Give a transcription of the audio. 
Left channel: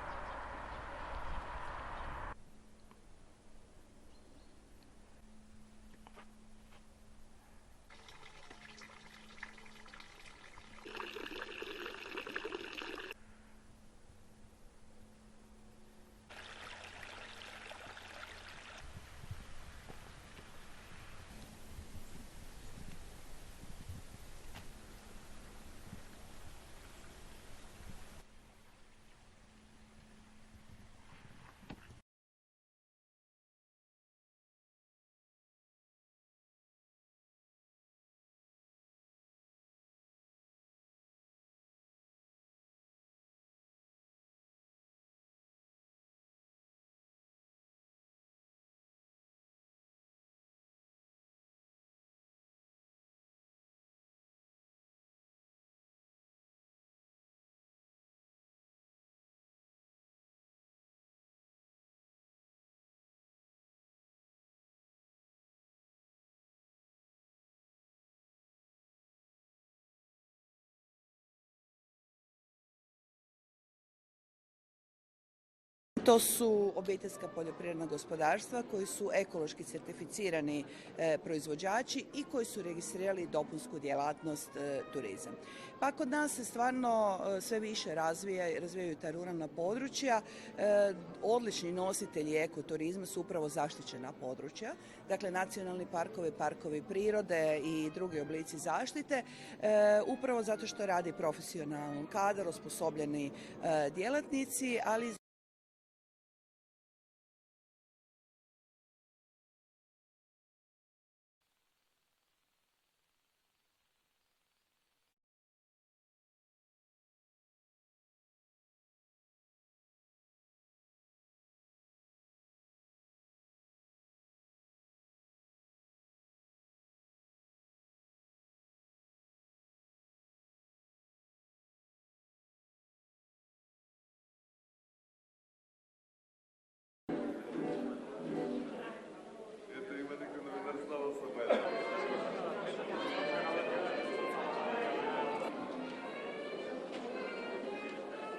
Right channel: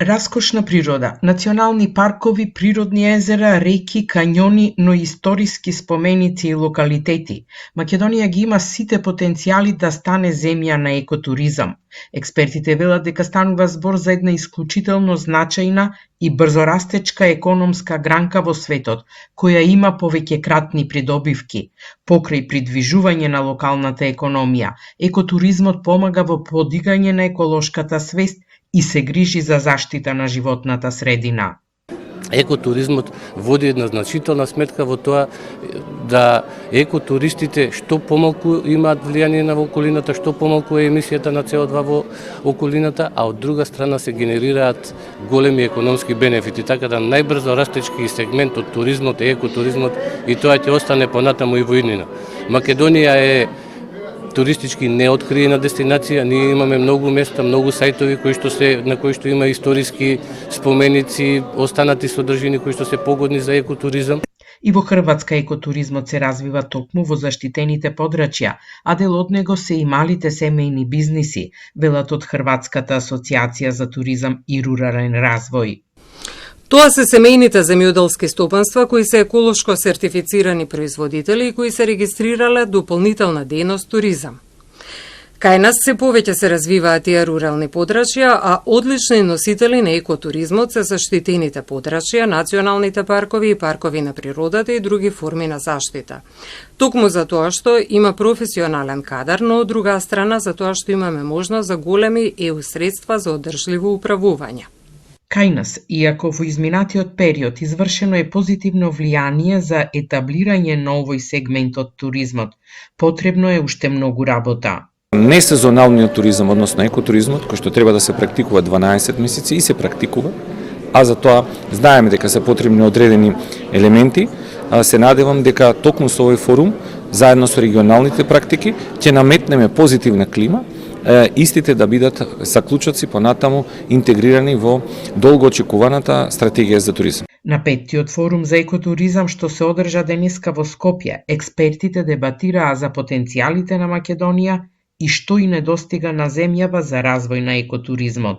Раскошна природа, национални паркови, природни езера, реки, кањони, но и историски споменици и локалитети. Македонија ги има сите потенцијали да стане земја на екотуризам. Експертите велат дека станува збор за една исклучително значајна и брзорастечка економска гранка во светот, која има повеќекратни придобивки. Покрај придвижување на локалната економија, екотуризмот помага во подигање на еколошката свест и се грижи за заштита на животната средина. Екотуризмот води една значителна сметка во тоа да екотуристите што помалку имаат влијание на околината, што помалку е емисијата на CO2 во околината, а од друга страна се генерираат големи економски бенефити, така да најбрзо растечки сегмент од туризмот е екотуризмот и тоа ќе остане понатаму и во иднина. Македонија е туристички неоткриена дестинација, ние имаме многу места, многу сајтови на кои што има историски споменици, останати содржини кои што се погодни за екотуризам. И во Хрватска екотуризмот се развива токму во заштитените подрачја, а дел од него се и малите семејни бизниси, велат од Хрватската асоциација за туризам и рурален развој. Тоа се семејните земјоделски стопанства кои се еколошко сертифицирани производители и кои се регистрирале дополнителна дејност туризам. Кај нас се повеќе се развиваат тие рурални подрачја, а одлични носители на екотуризмот се заштитените подрачја, националните паркови и паркови на природата и други форми на заштита. Токму за тоа што има професионален кадар, но од друга страна за тоа што имаме можност за големи EU средства за одржливо управување. Кај нас, иако во изминатиот период извршено е позитивно влијание за етаблирање на овој сегмент од туризмот, потребно е уште многу работа. Несезоналниот туризам, односно екотуризмот, кој што треба да се практикува 12 месеци и се практикува, а за тоа знаеме дека се потребни одредени елементи, се надевам дека токму со овој форум, заедно со регионалните практики, ќе наметнеме позитивна клима, истите да бидат заклучоци понатаму интегрирани во долго очекуваната стратегија за туризам. На петтиот форум за екотуризам што се одржа денеска во Скопје, експертите дебатираа за потенцијалите на Македонија и што и недостига на земјава за развој на екотуризмот.